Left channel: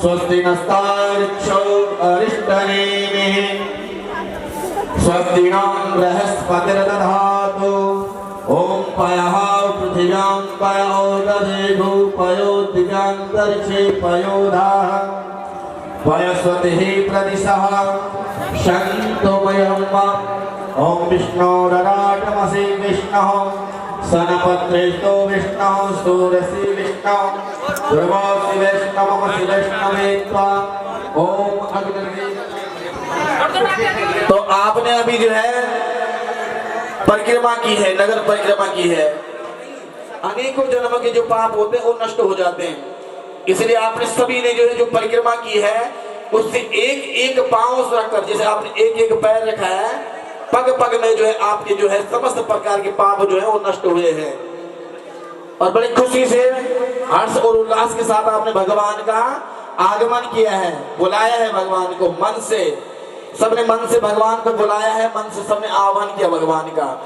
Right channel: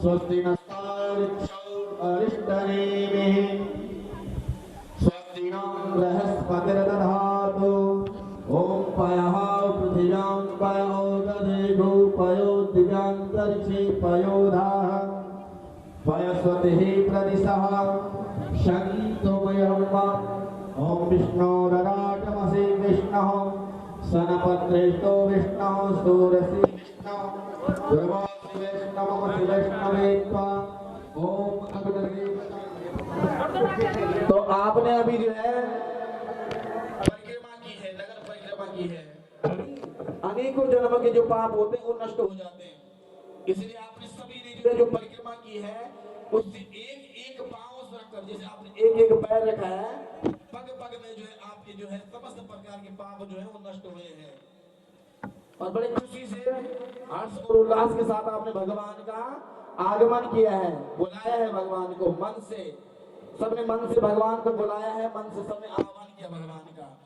स्वस्ति नस्तार्क्ष्यो अरिष्टनेमिः स्वस्ति नो बृहस्पतिर्दधातु ॐ पयः पृथिव्यां पयो दधेघु पयो दिव्यान्तरिक्षे पयोधाः पयस्वतिः प्रदिशः शन्तमयं ॐ विष्णोरराटमसि विष्णुः सनपत्रेष्टो विष्णुः सूरसि विष्णुः ध्रुवोऽसि वैष्णवमसि वैष्णवे त्वा ॐ अग्निर्वे। तो आपने अभी जो है परिक्रमा की है, नगर परिक्रमा की है। अनेकों जन्मों के जो पाप होते हैं वो नष्ट हो जाते हैं। इसलिए आपने सभी ने जो है जो परिक्रमा की है उससे एक एक पांव रखकर, जैसे आपने एक एक पैर रखा है, पग पग में जो है आपके जो है समस्त प्रकार के पाप जो है वो नष्ट हुए हैं। और बड़ी खुशी से हर्ष और उल्लास के साथ आपने भगवान का आगमन किया है, बुलाया है भगवान को मन से। सबने मन से भगवान को बुलाया है, मन से सबने आह्वान किया भगवान का।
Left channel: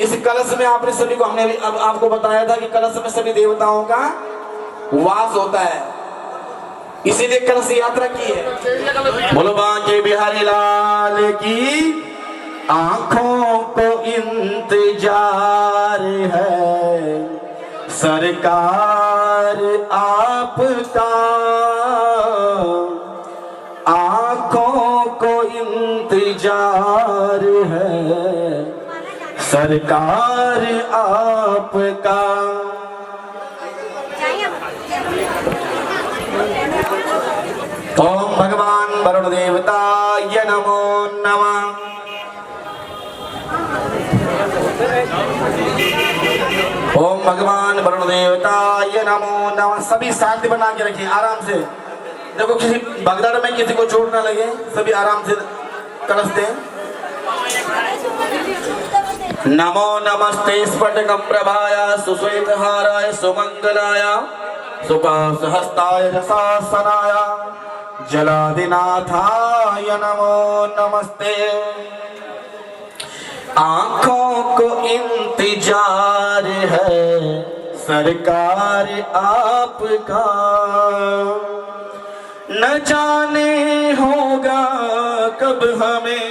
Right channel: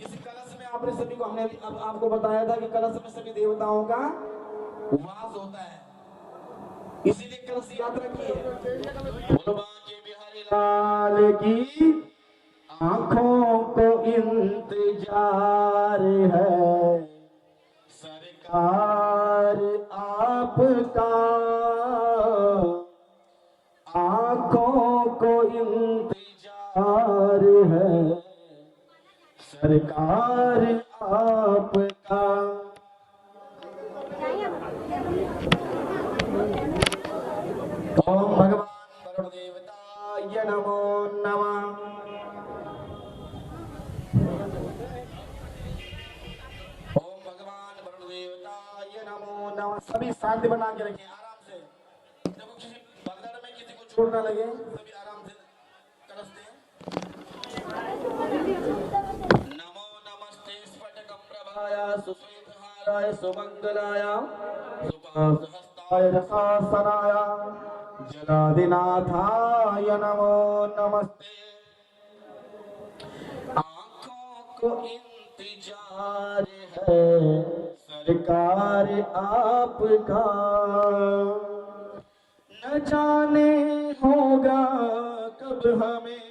इस कलश में आपने सभी को, हमने अब आपको बताया था कि कलश में सभी देवताओं का वास होता है, इसीलिए कलश यात्रा की है। बोलो बांके बिहारी लाल की। आंखों को इंतजार है सरकार आपका, आंखों को इंतजार है सरकार आपका। ओम भगवान वरुण देवताय नमो नमः। ओम भगवान वरुण देवताय नमो नमः। सभी शांति बना के रखिए, आराम से। देखो किसी भगदड़ में किसी को चोट ना लगे, सभी आराम से कलश दें। नमो नमस्ते स्फटिकं प्रभाय सुश्वेतहाराय सुमंगलाय सुपासहस्ताय रसासनाय जलादिनाथाय नमो नमस्ते। आंखों को इंतजार है सरकार आपका, न जाने होगा कब हमें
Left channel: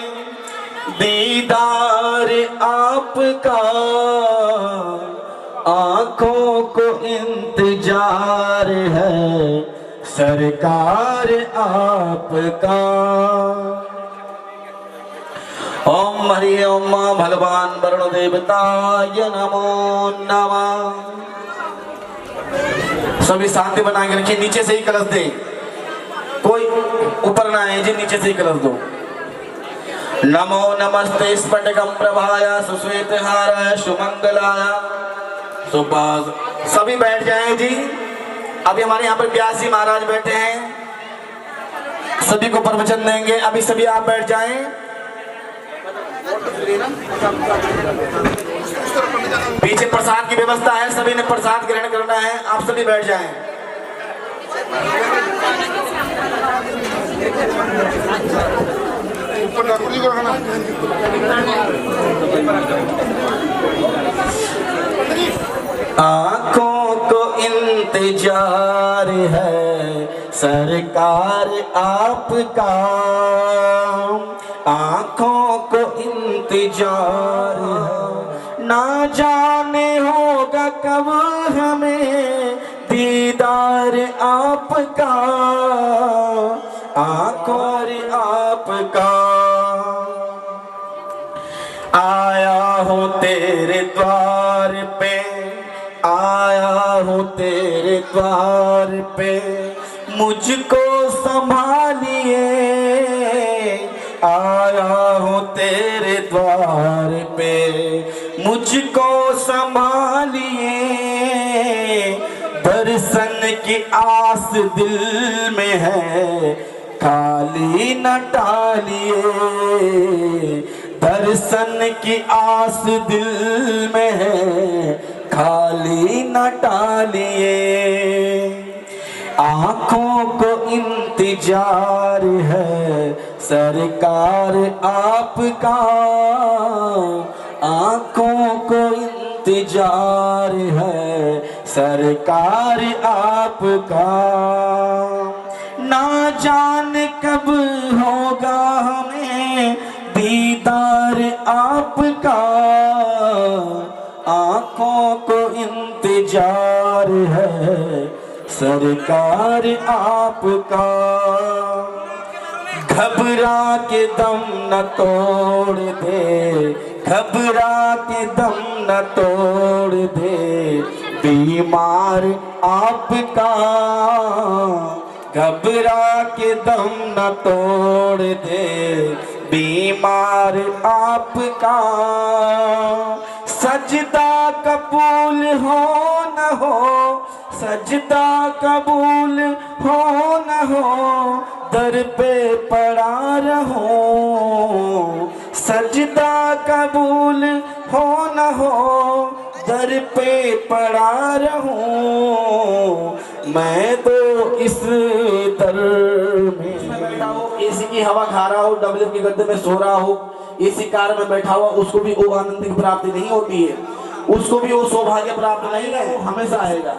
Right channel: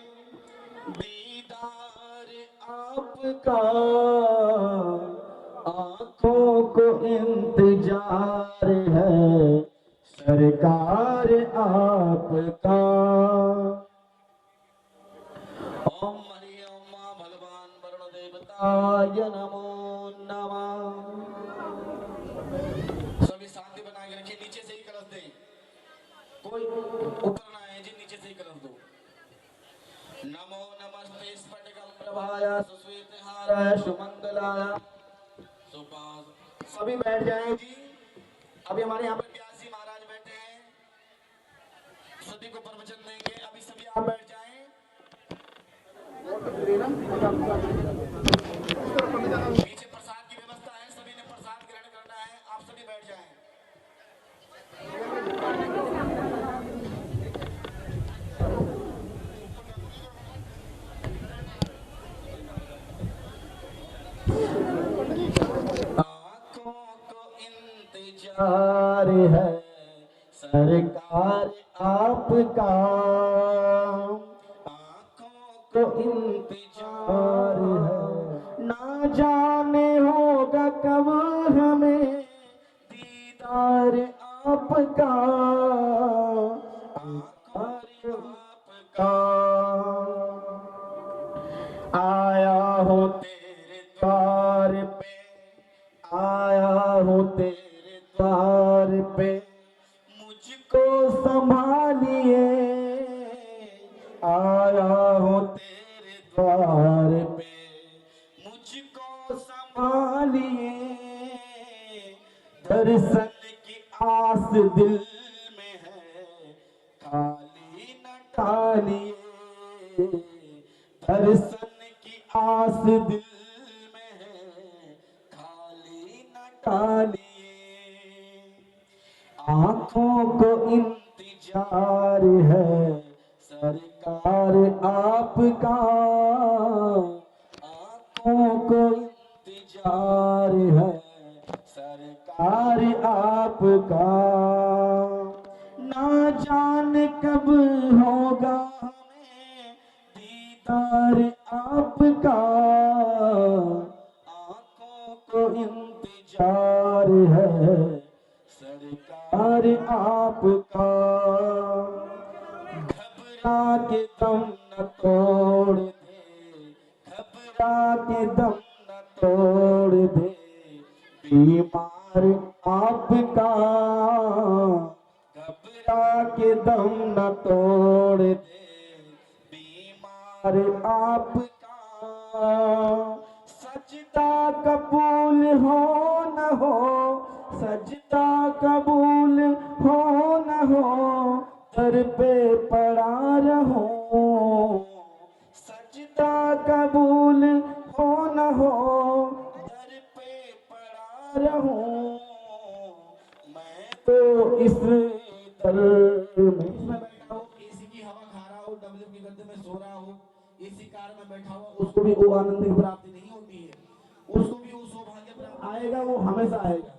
दीदार आपका। आंखों को इंतजार है सरकार आपका। ओम हरि ओम भगवान वरुण देवताय नमो नमः। सभी शांति बना के रखिए, नीचे से ही कलश दे, कोई ऊपर ना आए जी, नीचे से ही कलश दो। नमो नमस्ते स्फटिकं प्रभाय सुश्वेतहाराय सुमंगलाय सुपास। सभी बैठ जाएं जी। अभी हमारे यहाँ पर व्यास जी महाराज बैठे हैं, सभी को प्रवचन देंगे। अभी सभी आप बैठ जाएं। पीछे प्रसाद की व्यवस्था है, सभी ने प्रसाद ग्रहण करना है, आप सभी बैठ जाएं। आंखों को इंतजार है सरकार आपका, आंखों को इंतजार है, ना जाने होगा कब हमें दीदार आपका। आंखों आपका आया हूँ तेरे द्वार पे, आया हूँ तेरे द्वार पे, मुझको संभालिए। आया हूँ तेरे द्वार पे, मुझको संभालिए। दर्शन की आस दिल में है, खाली न टालिए। दर्शन की आस दिल में है, खाली न टालिए। आंखों को इंतजार है सरकार आपका, आंखों को इंतजार है सरकार आपका। ना जान कब होगा हमें दीदार आपका, आंखों को इंतजार है सरकार आपका। घबरा के दम न तोड़ दे, घबरा के दम न तोड़ दे बीमार आपका, घबरा के दम न तोड़ दे बीमार आपका। सजदा कबूल हो न हो, सजदा कबूल हो न हो, दर पे पड़ा रहो। सजदा कबूल हो न हो, दर पे पड़ा रहूं। मैं तो इस दर में बैठा हूँ, एसी की हवा खा रहा हूँ, डबल के गद्दे में सो रहा हूँ, एसी कार में बैठा हुआ, उसको भी वो आनंद की प्राप्ति नहीं होती है, उसको भी वो सौभाग्य प्राप्त नहीं है, वो हमेशा आएगा।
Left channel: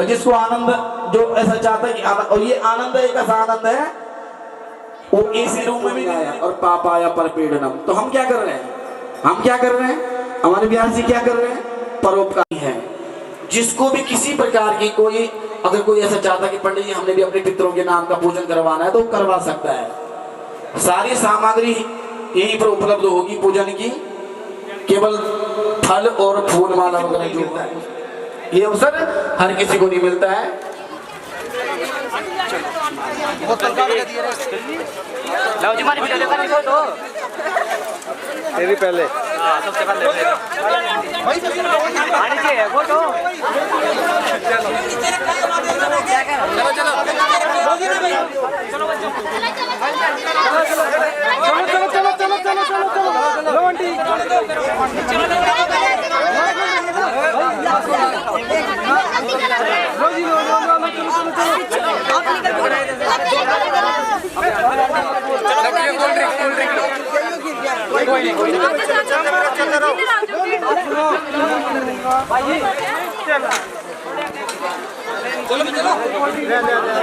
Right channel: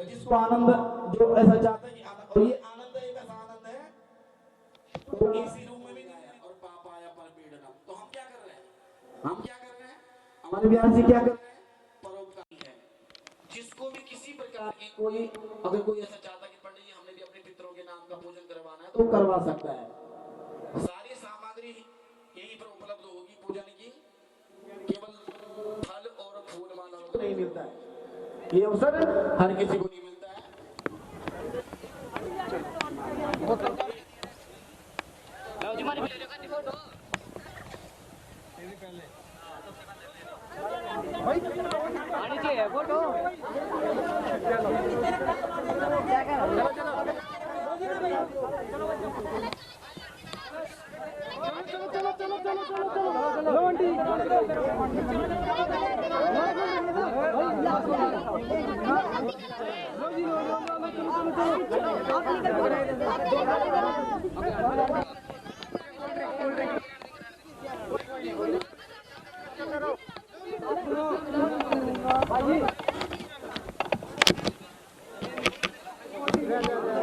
जिसको आनंद जो ऐसा चाहता है कि और ये आनंद एक ऐसा आनंद है वो एसी रूम में भी नहीं आया और पापा आया पर पीड़नम। तो हम क्या कर रहे हैं, हम क्या कर रहे हैं, हमारे बिहार जी क्या कर रहे हैं, परोपकारी है। जिसको भी किसी प्रकार की कोई अगर कोई ऐसा चाहता कि पंडित जी हमने भी अपने पितरों के नाम का पूजन करवाना है तो करवा सकता है। सारी सामग्री यहीं पर उपलब्ध होगी पूजन की, केवल फल और फूल माला वगैरह जो होता है ये अवसर हर किसी को नहीं मिलता है। तेरी पहले सबसे पहले आने चाहिए फोटो।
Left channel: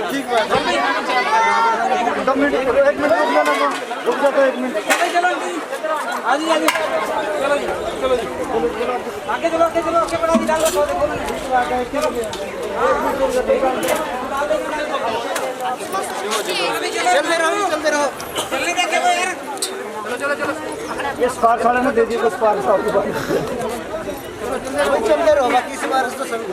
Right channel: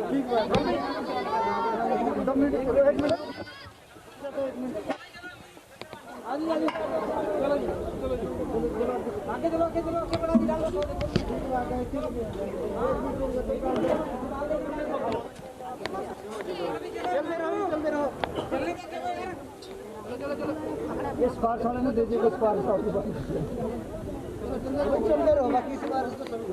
ठीक बात एक मिनट रुक जाओ, एक मिनट आगे आगे चलो चलो आगे चलो आगे चलो आगे बढ़ा दी डाल दो चलते रहो चलने का क्या यार। चलो चलो ये स्पार्क वाले ने दे दिए कुछ स्पार्क आपके पास चलते रहो, बाकी इस बार तो सभी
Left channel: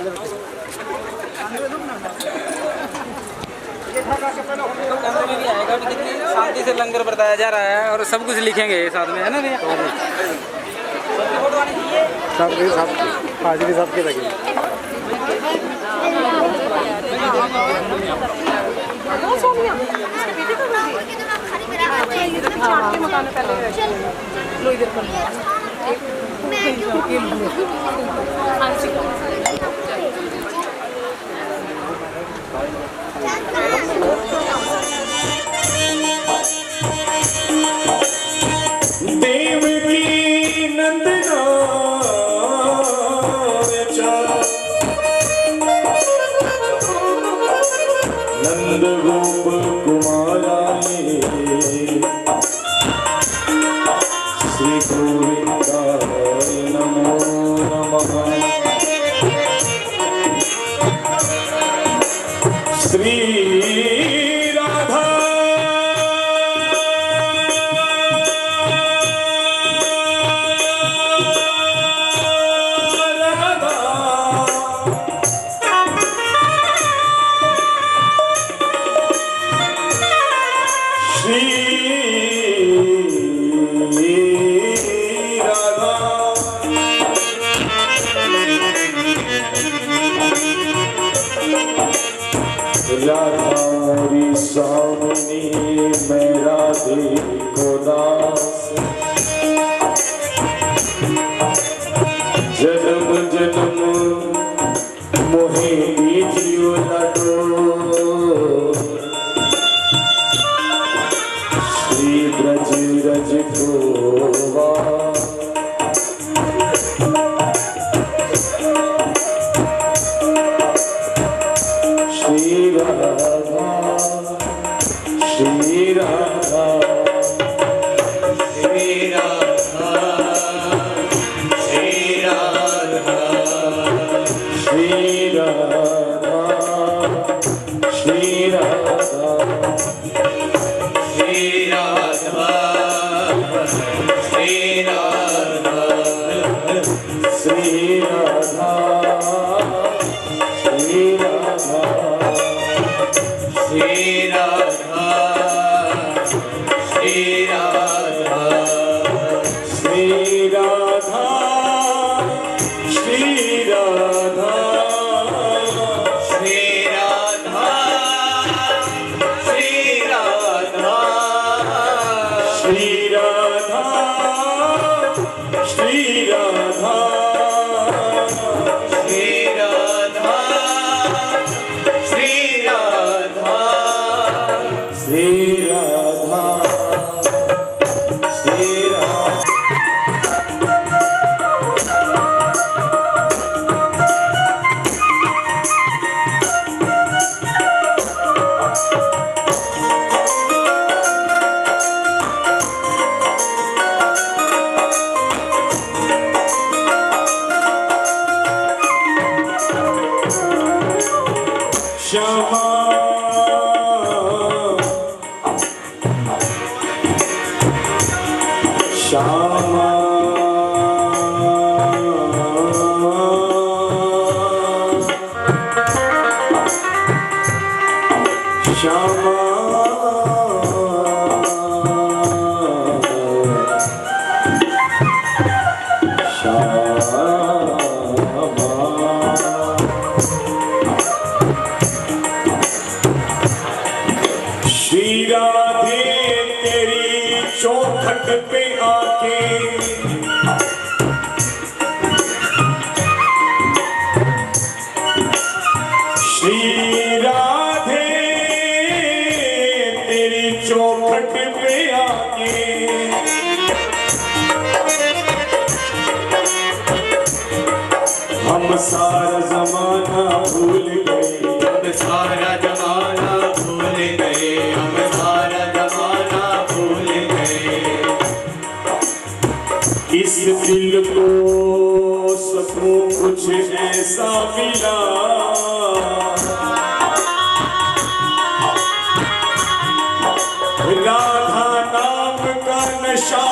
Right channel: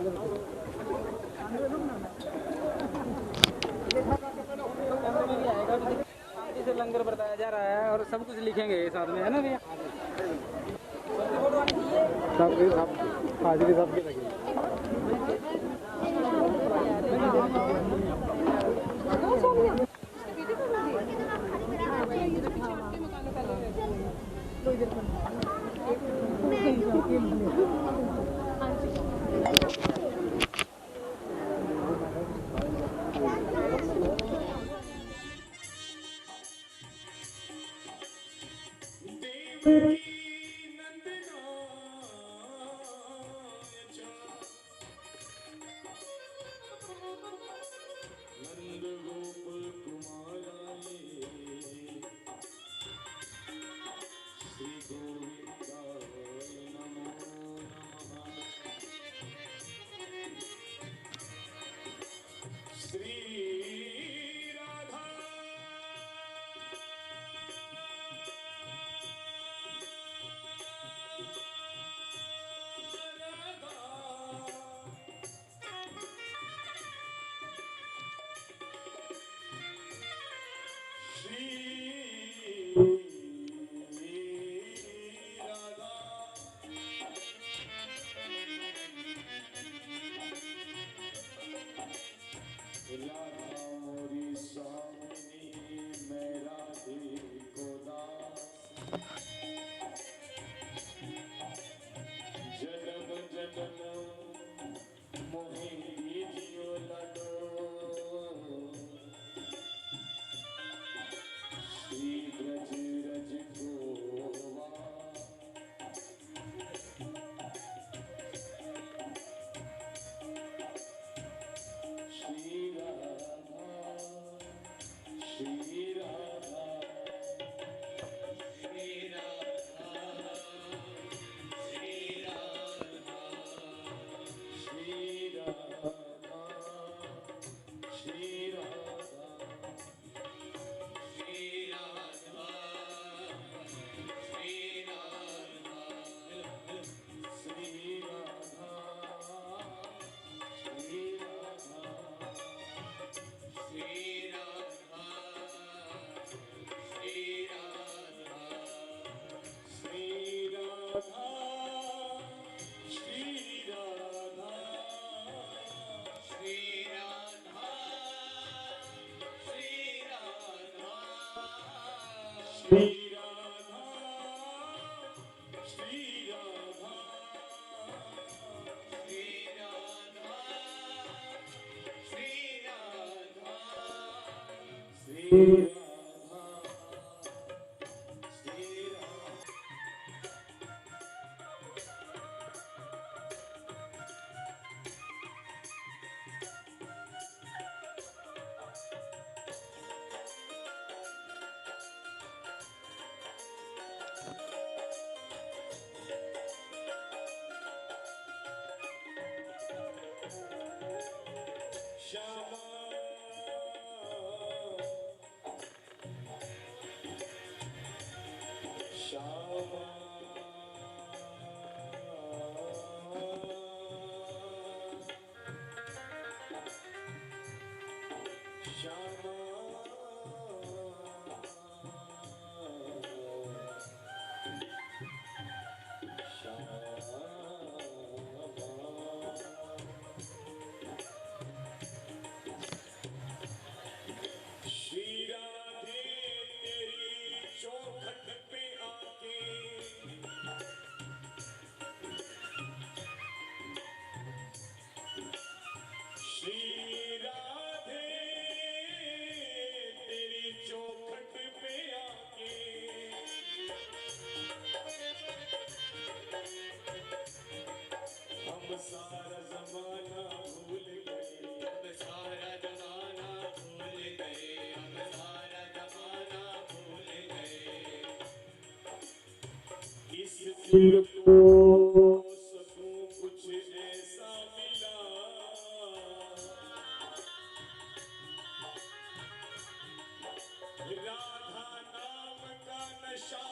शांति से लंगर बरताया जा रहा है और सब कुछ लिखेंगे साथ में, है ना भैया? हाजिरी सबके लगे। श्री राधा श्री राधा श्री राधा श्री राधा श्री राधा श्री राधा श्यामा श्यामा श्यामा श्री राधे तेरी चौखट पे आके श्री राधे तेरी चौखट पे आके हम सारा जमाना भूल गए हम सारा जमाना भूल गए हम सारा जमाना भूल गए इस दिल को सुकून कुछ ऐसा मिला राधा नाम का नशा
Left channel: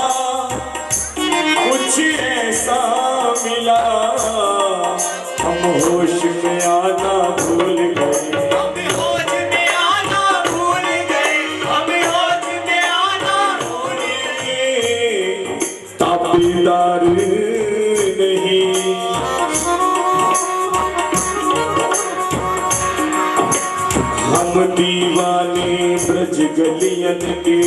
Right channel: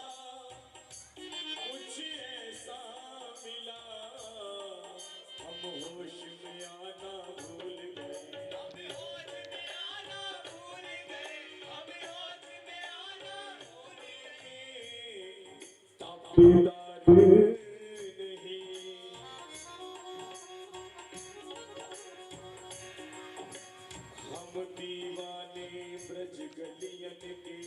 कुछ ऐसा मिला हम होश में आना भूल गए हम होश में आना भूल गए हम होश में आना भूल गए ताबेदार नहीं हम दीवाने ब्रज गलियन के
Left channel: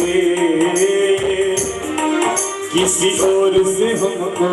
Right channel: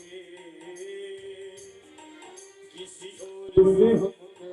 किसी और से हमको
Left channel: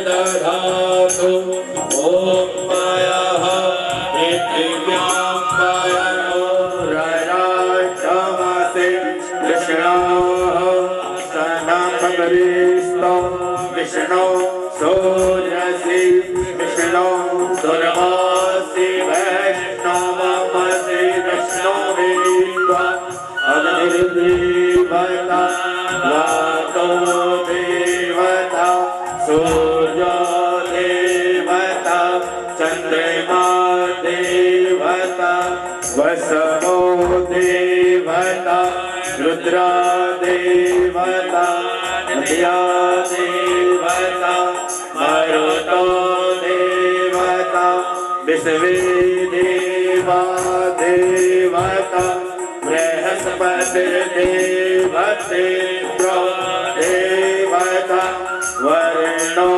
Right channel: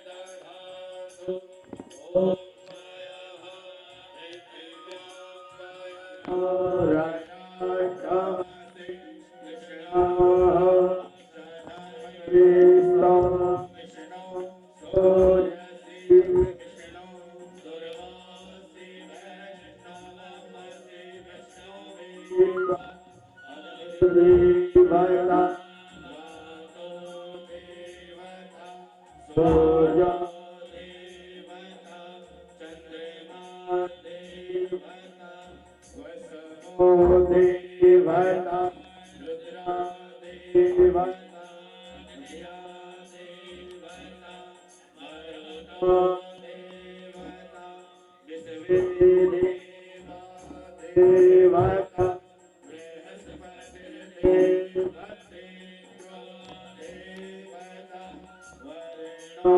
बृहस्पतिर्दधातु ॐ मायाः पृथिव्यां पायतो रराजमासे कृष्णाः सदाभगविस्तो विष्णो सूर्यसि विष्णो दुर्वासि वैष्णवमसि विष्णो देवा अग्निर्देवता वातो देवता सूर्यो देवता चंद्रमा देवता वसवो देवता रुद्रा देवता नदिया देवता मरुतो देवता विश्वे देवा देवता बृहस्पति देवते देवता वर्णो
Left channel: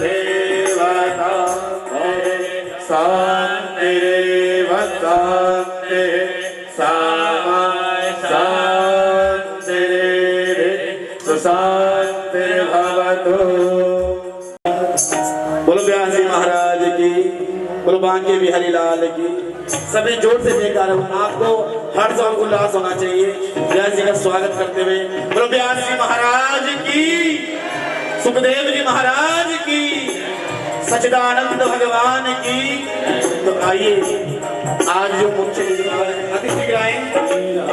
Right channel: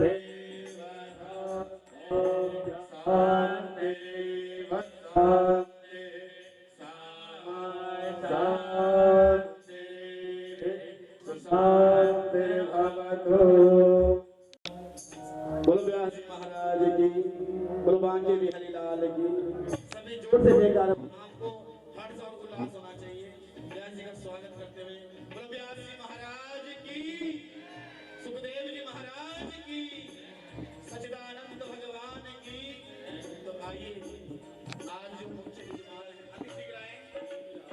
देवता शांतिरेव शांति सामा शांतिरेव शांतिर्भवतु। बोलो व्यास जी महाराज की, बोलो बांके बिहारी लाल की। सभी जोर से जयकार। आपको हर्ष और उल्लास होना चाहिए व्यास जी का स्वागत करते हुए। बोलो व्यास जी महाराज की, सुखदेव जी महाराज की, सच्चिदानंद भगवान की। तो आइए आज जो मुख्य अति शीघ्र आए,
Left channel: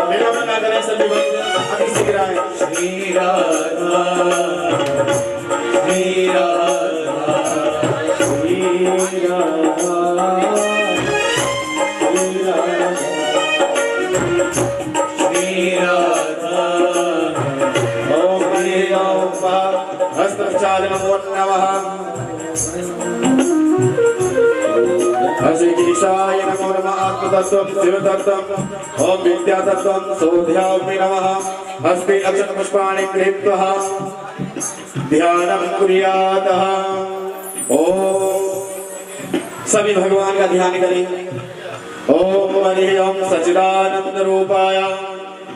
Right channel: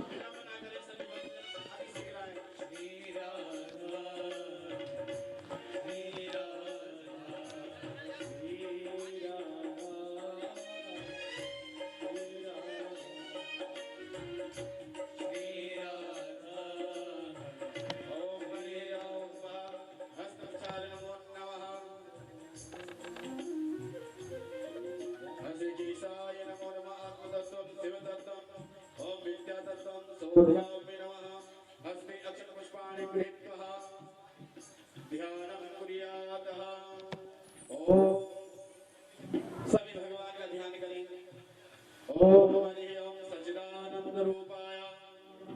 विलंब ना करें सभी भक्त, अति शीघ्र आए। श्री राधा श्री राधा तत्त्वं शिवतत्त्वं ओम विद्यातत्त्वं सोऽध्यात्मे नमः हस्ते अक्षतपुष्पाणि गृहीत्वा ध्यानं कुर्यातः। ओम सभी भगवान का ध्यान करें। ओम हरि ओम सच्चिदानंद रूपाय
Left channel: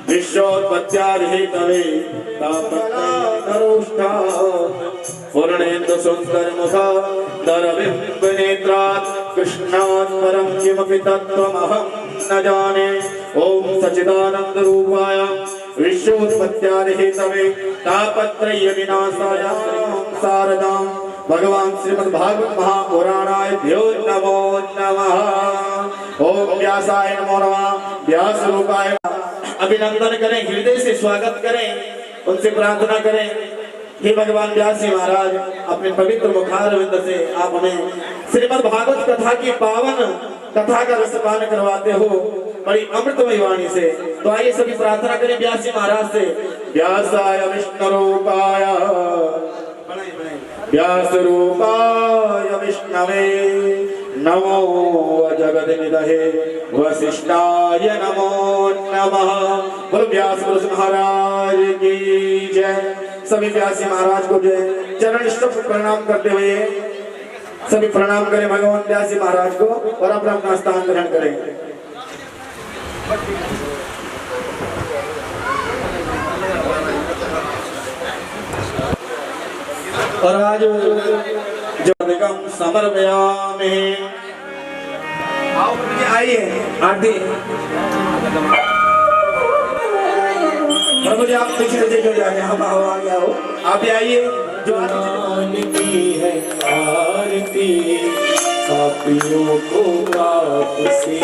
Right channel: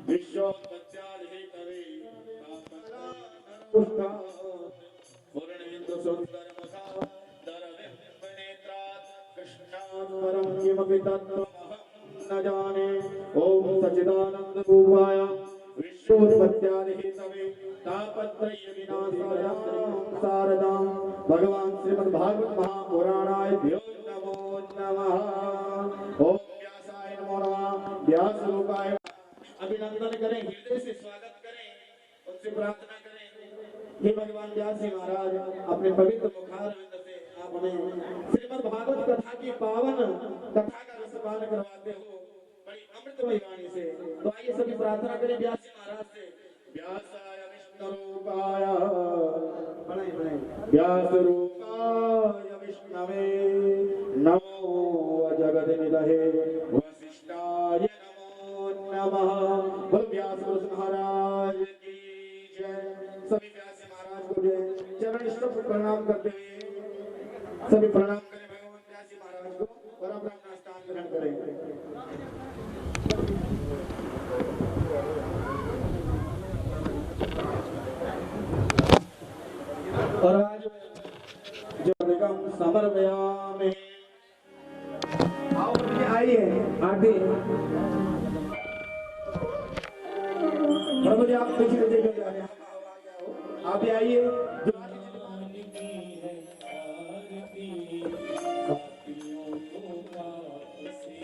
विश्वोत्पत्त्यादिहेतवे पूर्णेन्दु सुंदर मुखा दरबिंब नेत्रात् कृष्णात् परं किमपि तत्त्वमहं न जाने। ओम सच्चिदानंद रूपाय विश्वोत्पत्त्यादिहेतवे तापत्रय विनाशाय शारदां भगवान श्रीमद् भागवत महापुराणाय भ्यो नमो नमः। ओम व्यासाय नमो नमः। व्यास रूपाय अभिनंदन करें, हृदय से स्वागत करें, उनसे प्रार्थना करें। हे भगवान व्यास जी महाराज, अपने पवित्र मुखारविंद से आप हमें श्रीमद् भागवत कथा की पावन कथा का रसपान करवाते हो बड़ी अमृतमयी वाणी से। तो आइए सभी प्रार्थना करें व्यास जी महाराज से। व्यासाय विष्णु रूपाय व्यास रूपाय विष्णवे नमो जगद्निधये वसिष्ठाय नमो नमः। बोलो व्यास पुरुष महाराज की जय। सभी व्यास महाराज को जय। चरण स्तुति प्रणाम करते हुए सभी प्रणाम करें भगवान व्यास महाराज को और अपना अपना स्थान ग्रहण करें। और आज जो समर्पयामि। आइए आरती प्रभु जी आप पीछे देखो जाके हम आ गया हो। आप भी आइए जो की है आरती पापियों को पाप से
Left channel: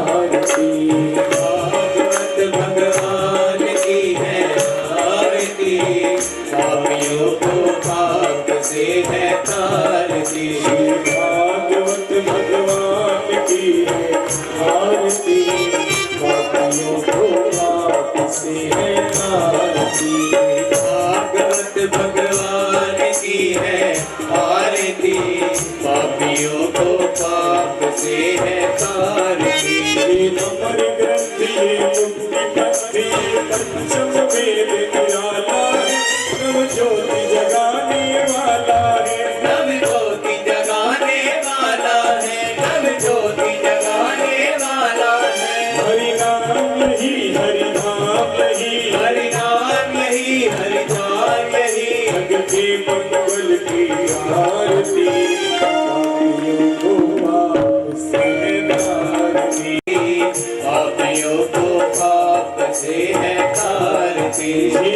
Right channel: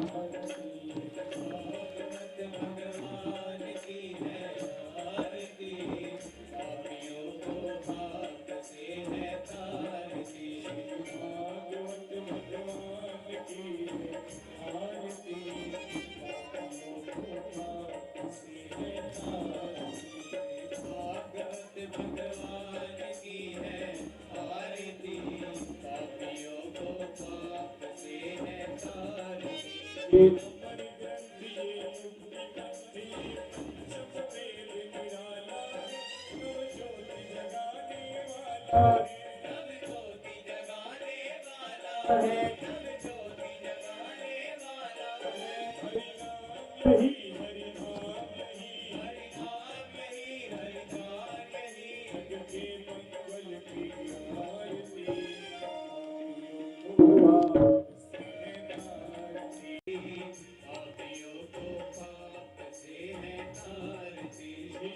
आरती। भागवत भगवान की है आरती पापियों को पाप से है तारती। भागवत भगवान की है आरती पापियों को पाप से है तारती। भागवत भगवान की है आरती पापियों को पाप से है तारती। नंबर ग्रंथि मुक्ति पथि पंचम वेद निराला है नव ज्योति जगाने वाला है। नव ज्योति जगाने वाला है। नव ज्योति जगाने वाला है। हरि नाम यही हरि नाम यही हरि नाम यही हरि नाम यही जग के मंगल की आरती पापियों को पाप से है तारती। पापियों को पाप से है तारती।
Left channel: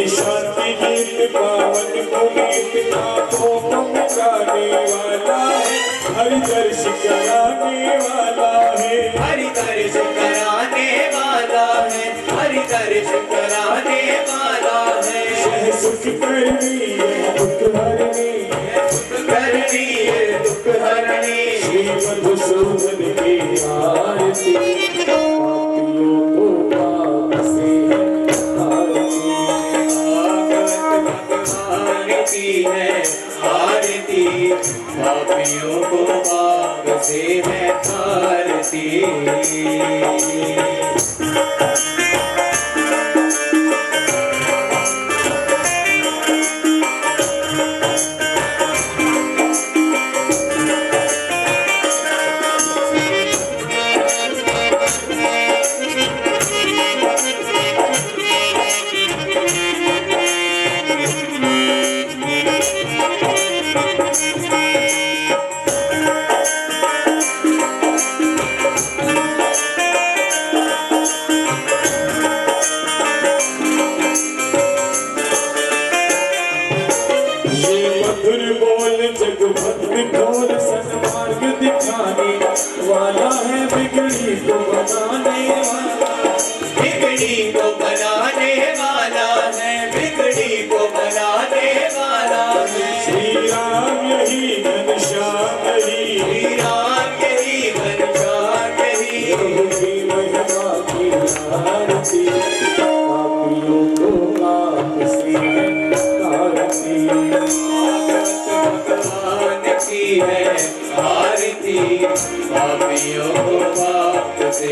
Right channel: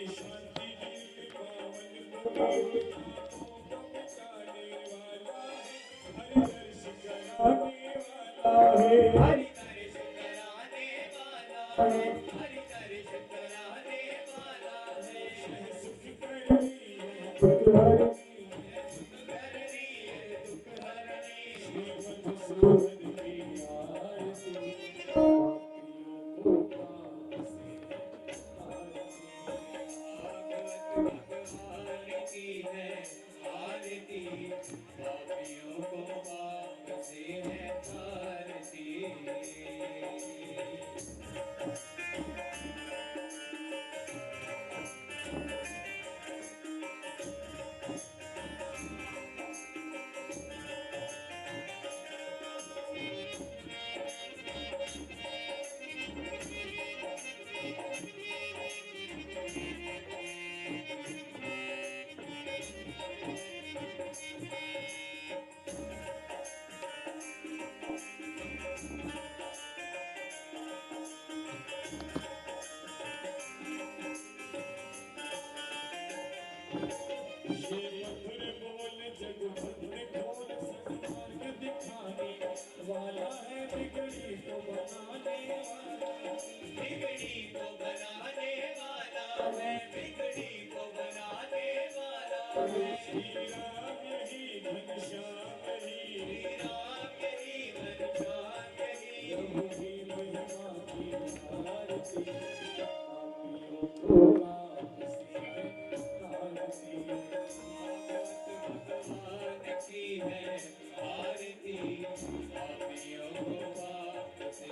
शांति गीत पावन पुनीत नाथों को गाने वाला है। हरि दर्श कराने वाला है। हरि दर्श कराने वाला है। हरि दर्श कराने वाला है। सह सुख करनी है दुख हरनी है। सुख करनी है दुख हरनी। श्री मधुसूदन की आरती पापियों को पाप से तारती। भागवत भगवान की है आरती पापियों को पाप से है तारती। वाला है बिगड़ी को बनाने वाला। बिगड़ी को बनाने वाला है। बिगड़ी को बनाने वाला है। श्री राम यही घनश्याम यही। श्री राम यही घनश्याम यही। प्रभु की महिमा की आरती पापियों को पाप से तारती। भगवान की है आरती पापियों को पाप से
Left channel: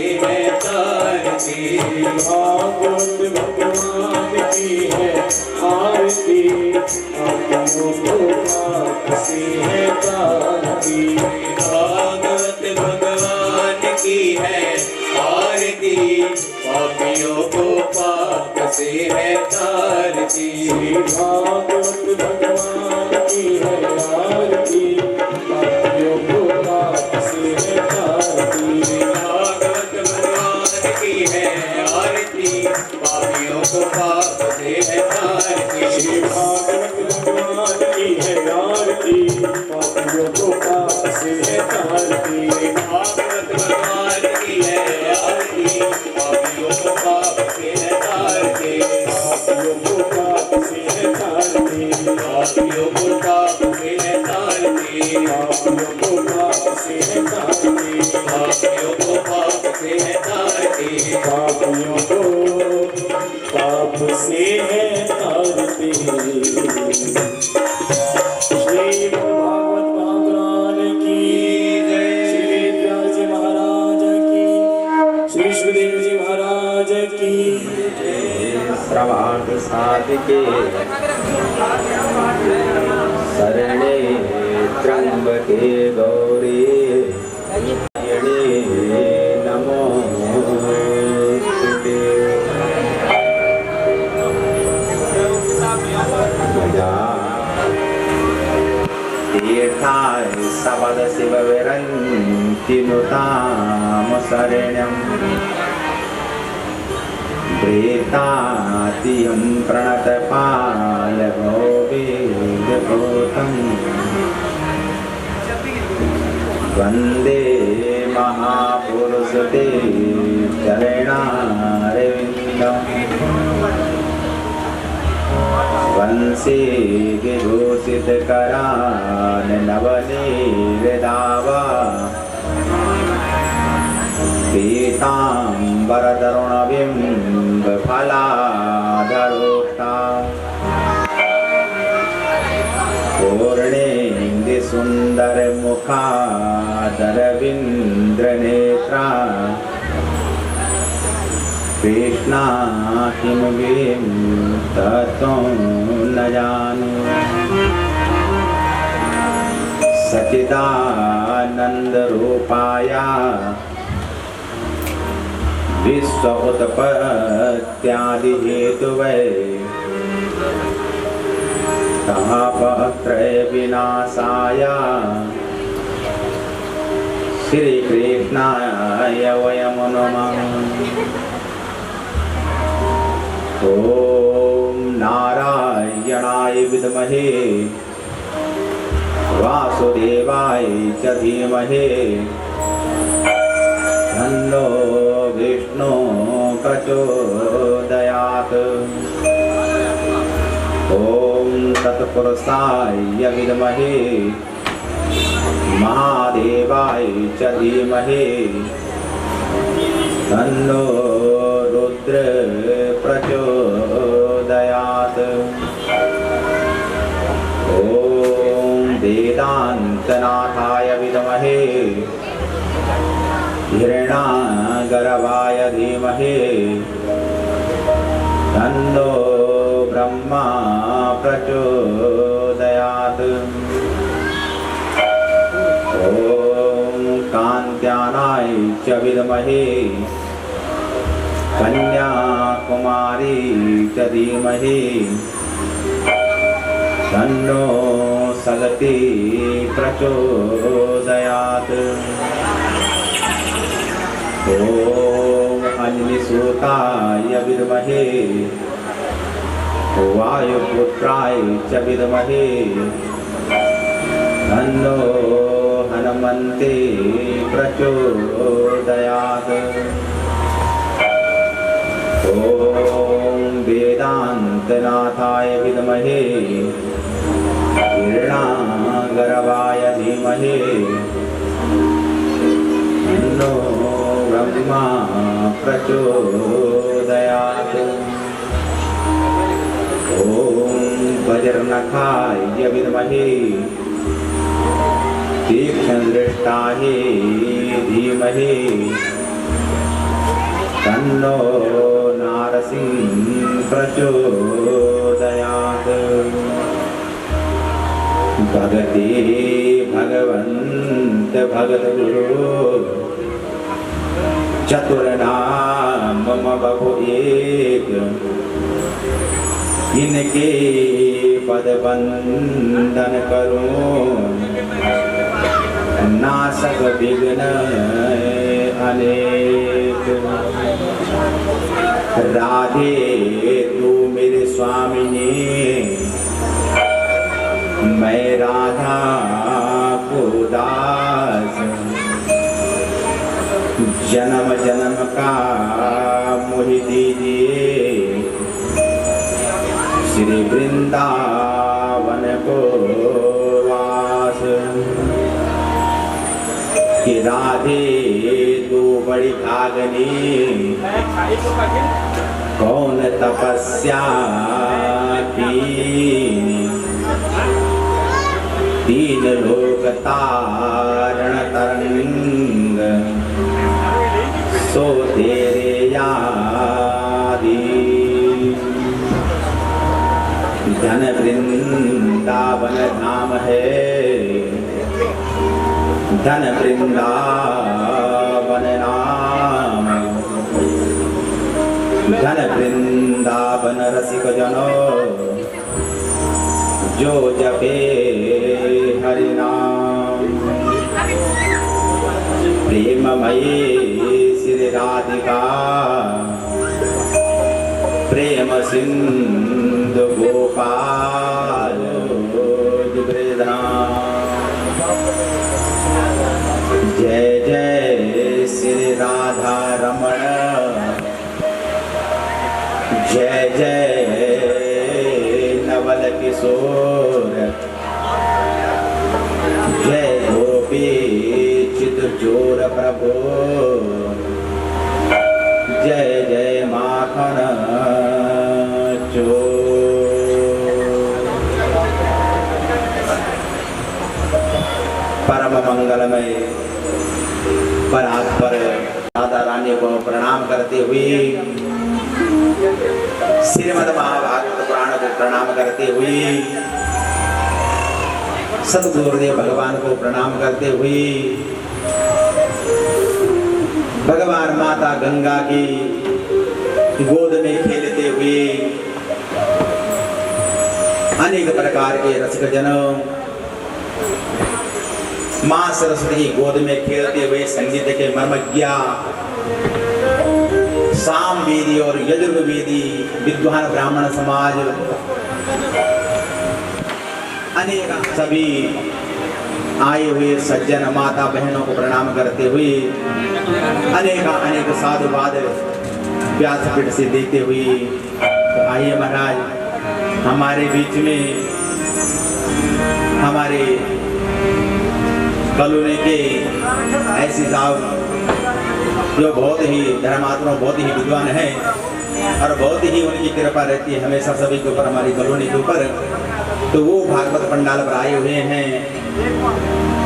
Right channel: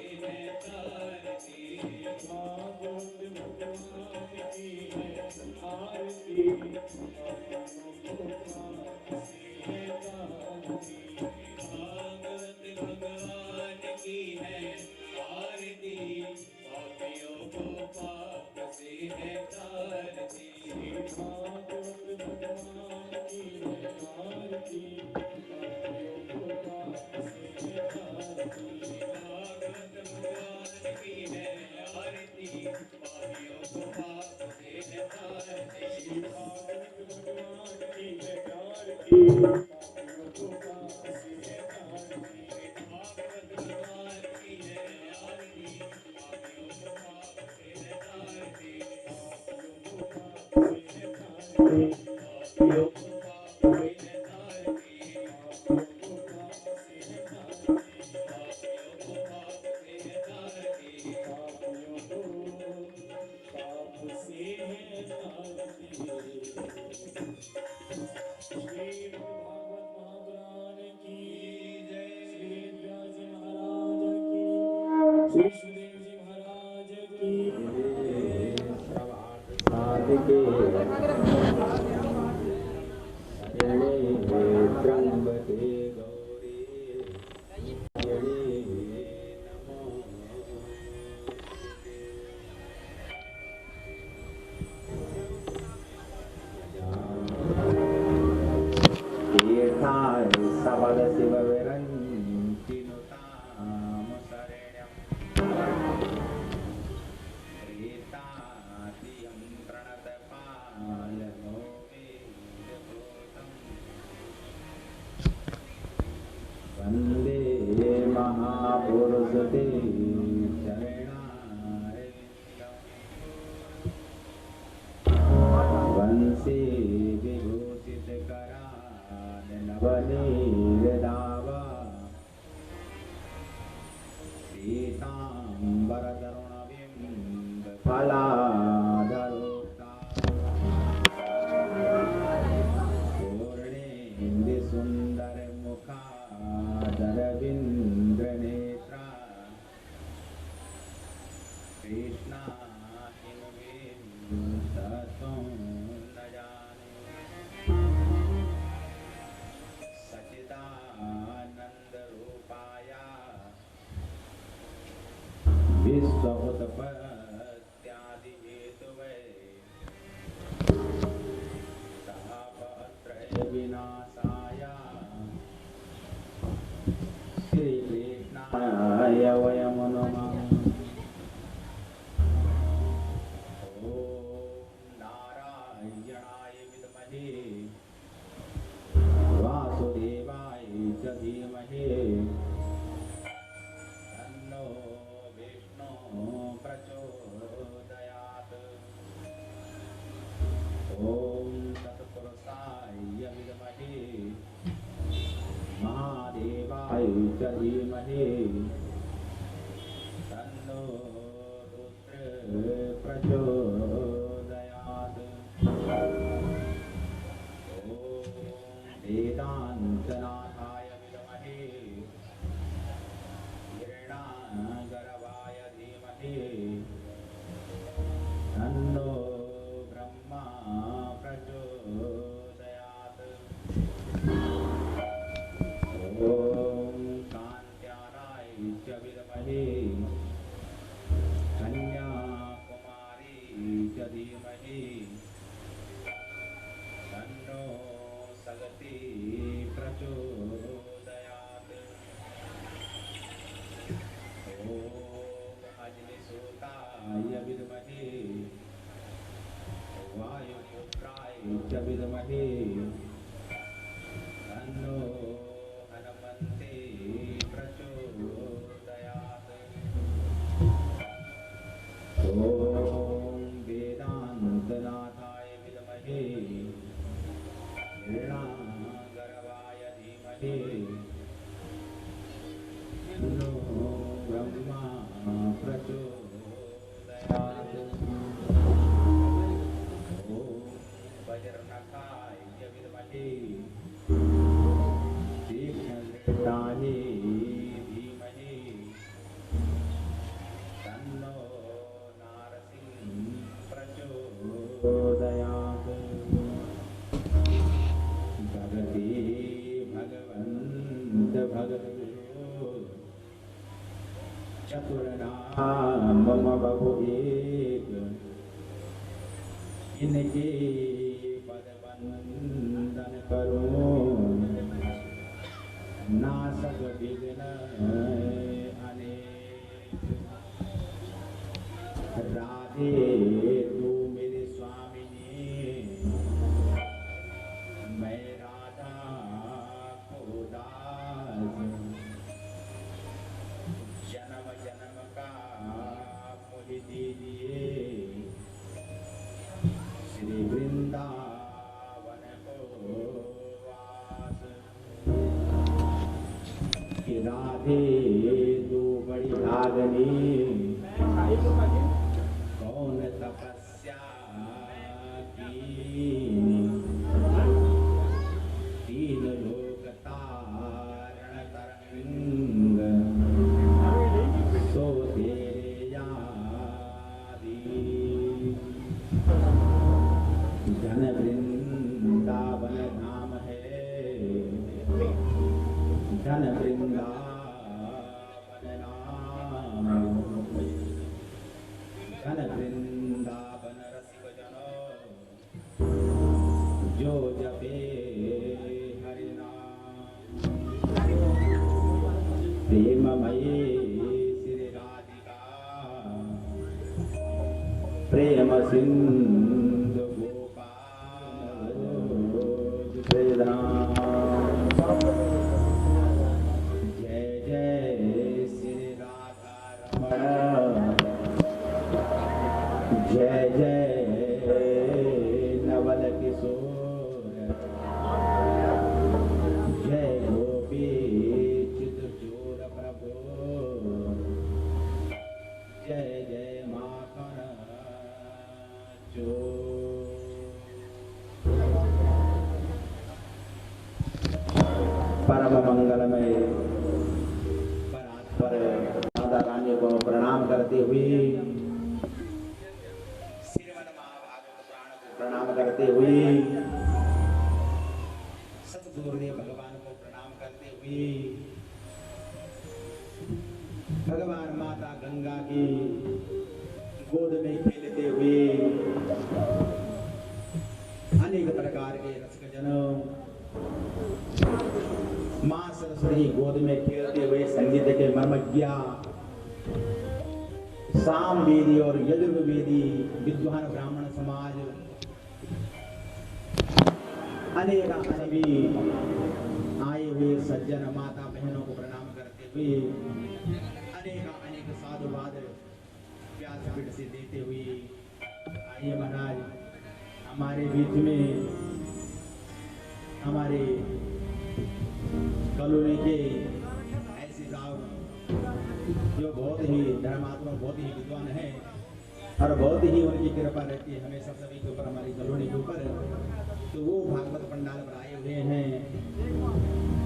पापियों को पाप से है तारते, पापियों को पाप से है तारते, पापियों को पाप से है तारते। श्रीमद् भागवत महापुराण की जय। श्री व्यास जी महाराज की, श्री सुखदेव जी महाराज की। श्रवाण साधिके शरणे त्र्यंबके गौरी नमोस्तुते। तीर्थाय सबद शिव विरंति नुताम शरण्यम् प्रेतातियं प्रणतपाल भोवेदभूतम् वन्दे महापुरुषते चरणारविन्दम् वंशे विभूषितकरान् नवनीरदावा पीताम्बरतरुणबिम्बफलाधरोक्ताम् पूर्णेन्दि सुन्दरमुखादरविन्द्रनेत्रा कृष्णा किमुगीं तत्त्वं न जाने। सच्चिदानन्दरूपाय विश्व उत्पत्त्यादिहेतुवे तापत्रय विनाशाय श्रीकृष्णाय वयं नमः। ॐ नारायणाय विद्महे वासुदेवाय च धीमहि तन्नो विष्णु प्रचोदयात्। ॐ तत्पुरुषाय विद्महे महादेवाय च धीमहि तन्नो रुद्र प्रचोदयात्। ॐ वेदान्तनाथाय विद्महे हिरण्यागर्भाय धीमहि तन्नो ब्रह्मा प्रचोदयात्। ॐ कान्त्यानाय च विद्महे कन्याकुमारी च धीमहि तन्नो सगति प्रचोदयात्। ॐ अग्निसूताय विद्महे वायुपुत्राय च विद्महे तन्नो हनुमन्ते प्रचोदयात्। ॐ वेदान्तनाथाय विद्महे हिरण्यागर्भाय धीमहि तन्नो ब्रह्मा प्रचोदयात्। ॐ वज्रनखाय विद्महे तीक्ष्णदृष्टाय धीमहि तन्नो नारसिंह प्रचोदयात्। भगति भगवन्त भगत गुरु चतुर्नाम मम बहु एक इनके पद बंदन करूं नासक विघ्न अनेक। राधे तू मेरे स्वामिनी मैं राधा को दास जन्म जन्म का मोहि दीजिए श्री वृंदावन को वास। कि राधे तू बड़ी भागनी, कौन तपस्या कीनी, तीन लोक तारण तरंग, सो तेरे यादी। धन वृंदावन धाम है, धन वृंदावन नाम, धन वृंदावन रसिक जनो, जो जपे हरि नाम। प्रेममयी श्री राधिका, प्रेम सिंधु गोपाल ब्रजधाम। जय जय श्री राधा रमण, जय जय नवल किशोर, जय गोपी चित चोर प्रभु, जय जय माखन चोर। परम मंगलमय परात्पर राधा रानी को प्रणाम करते हुए, श्रीमद् महाभारत पुराण को प्रणाम करते हुए, सद्गुरुदेव भगवान को प्रणाम करते हुए, भगवान माता गंगा की गोद में खेलते हुए, अनेक प्रकार के रसिक जनों, मां सरस्वती की गोद में खेलते हुए संगीत के मर्मज्ञा सामवेदी और यजुर्वेदी विद्वान ब्राह्मण समाज, अनेक सभी आए हुए सज्जन माता बहनों को प्रणाम करते हुए, अनेक साधुवाद व्यासपीठ से देते हुए, तो आइए महाराज हमारे बीच में हमारे कॉलोनी के ऐसे साहब जो बहुत ही धर्मात्मा, बहुत ही विद्वान हैं और बहुत ही उनकी कृपा रहती है हमेशा सभी के ऊपर, हमारी कॉलोनी के ऊपर। तो वो भागवत पंडाल पर आए हुए हैं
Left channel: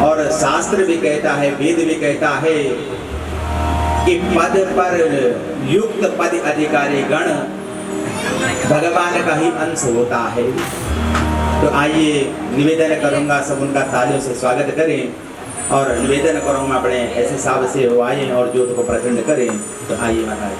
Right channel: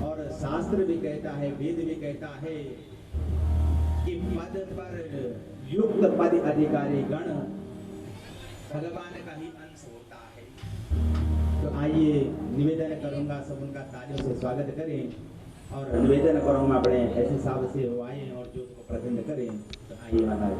और शास्त्र भी कहता है, वेद भी कहता है कि पद पर युक्त पद अधिकारी गण भगवान का ही अंश होता है। तो आइए निवेदन करूंगा सब उनका तालियों से स्वागत करें और निवेदन करूंगा अपने ऐसे साहब से वो आए और ज्योत को प्रचंड करें। तो आइए महाराज।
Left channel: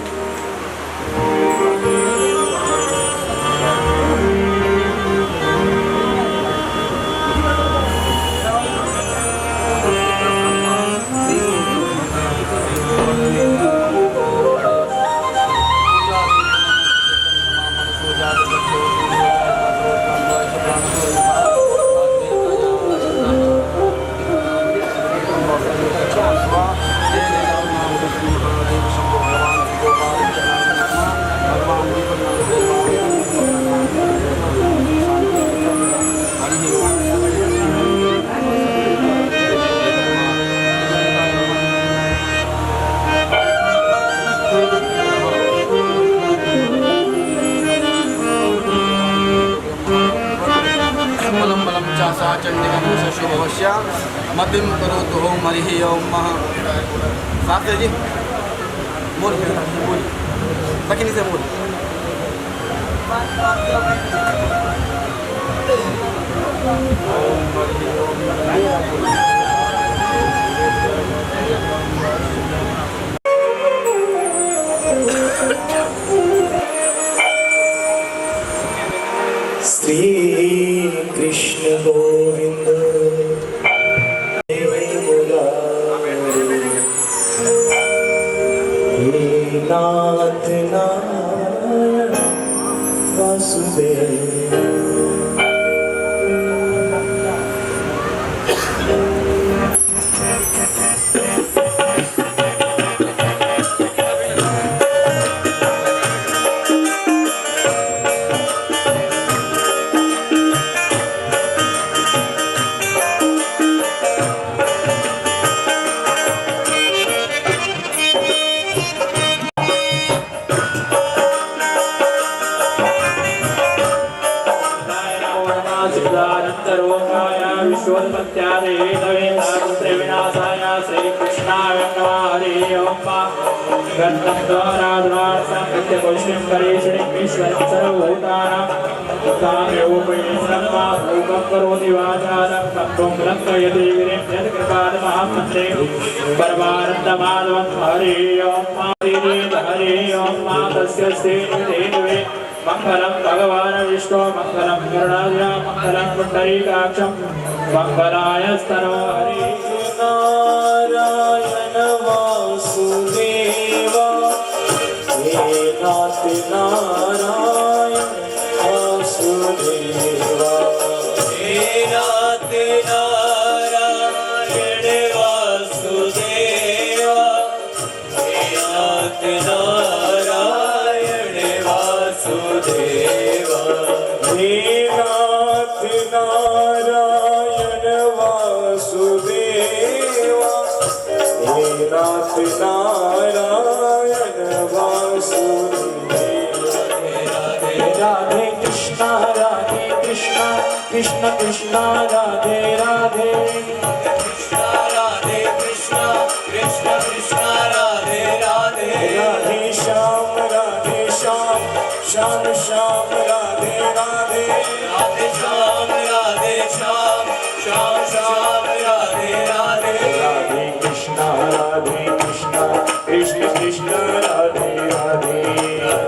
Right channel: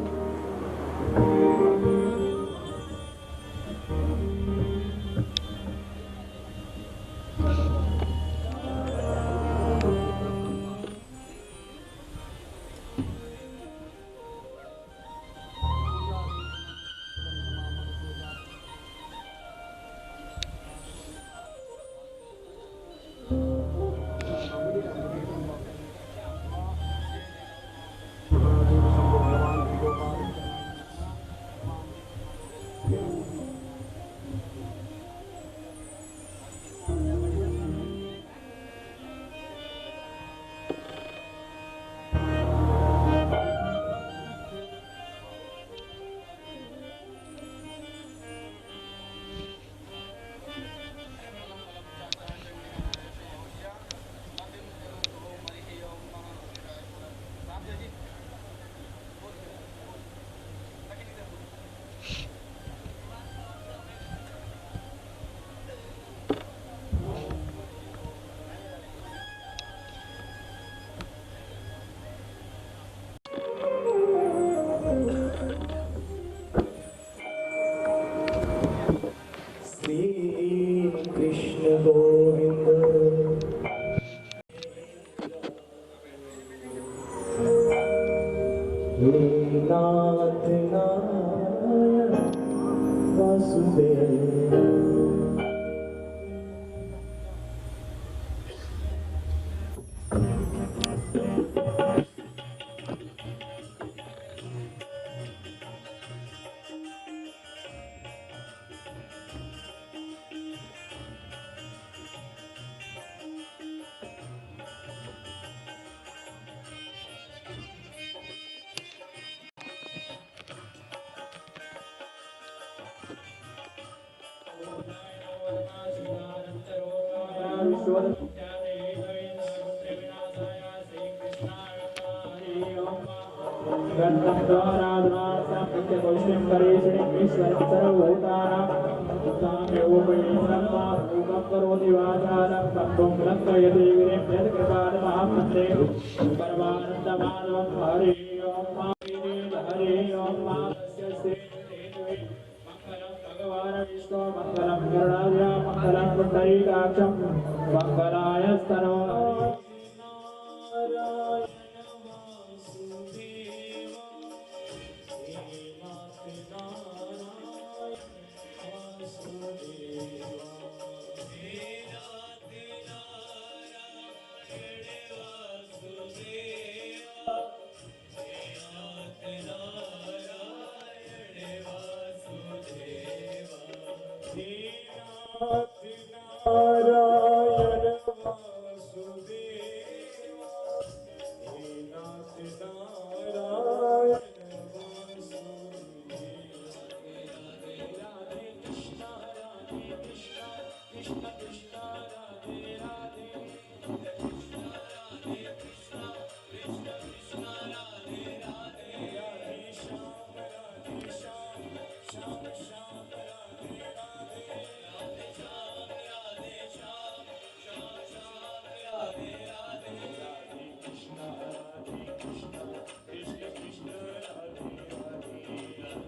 मतिम करो तो हो मरी ओम साथ जी बोल बकिनी से बोल। श्री कृष्ण गोविंद नाथ नारायण वासुदेव। गन्धं द्वाराधनार्थं नित्यपुष्टिं करेषणिं ईश्वरं सर्वभूतानां काम्योपैश्रम्मा रूपं करोति वाचालं कम्पं लङ्घयति गिरिं यत्कृपादमहामन्त्रे परमानन्दमाधवं हरि ओं हरि ओं तस्य श्रीनिधेनुवे मंगलम भगवान विष्णु मंगलम गरुडाय मंगलम पुंडरीकाक्षं मंगलाय स्तनो हरि नारायण वासुदेव हे नाथ नारायण वासुदेव हे नाथ नारायण वासुदेव हे नाथ नारायण वासुदेव हे नाथ नारायण वासुदेव हे नाथ नारायण वासुदेव राधे कृष्ण कृष्ण कृष्ण राधे राधे कृष्ण राधे कृष्ण कृष्ण कृष्ण राधे राधे राधे श्याम श्याम श्याम राधे राधे राधे श्याम श्याम श्याम राधे राधे राधे कृष्ण कृष्ण कृष्ण राधे राधे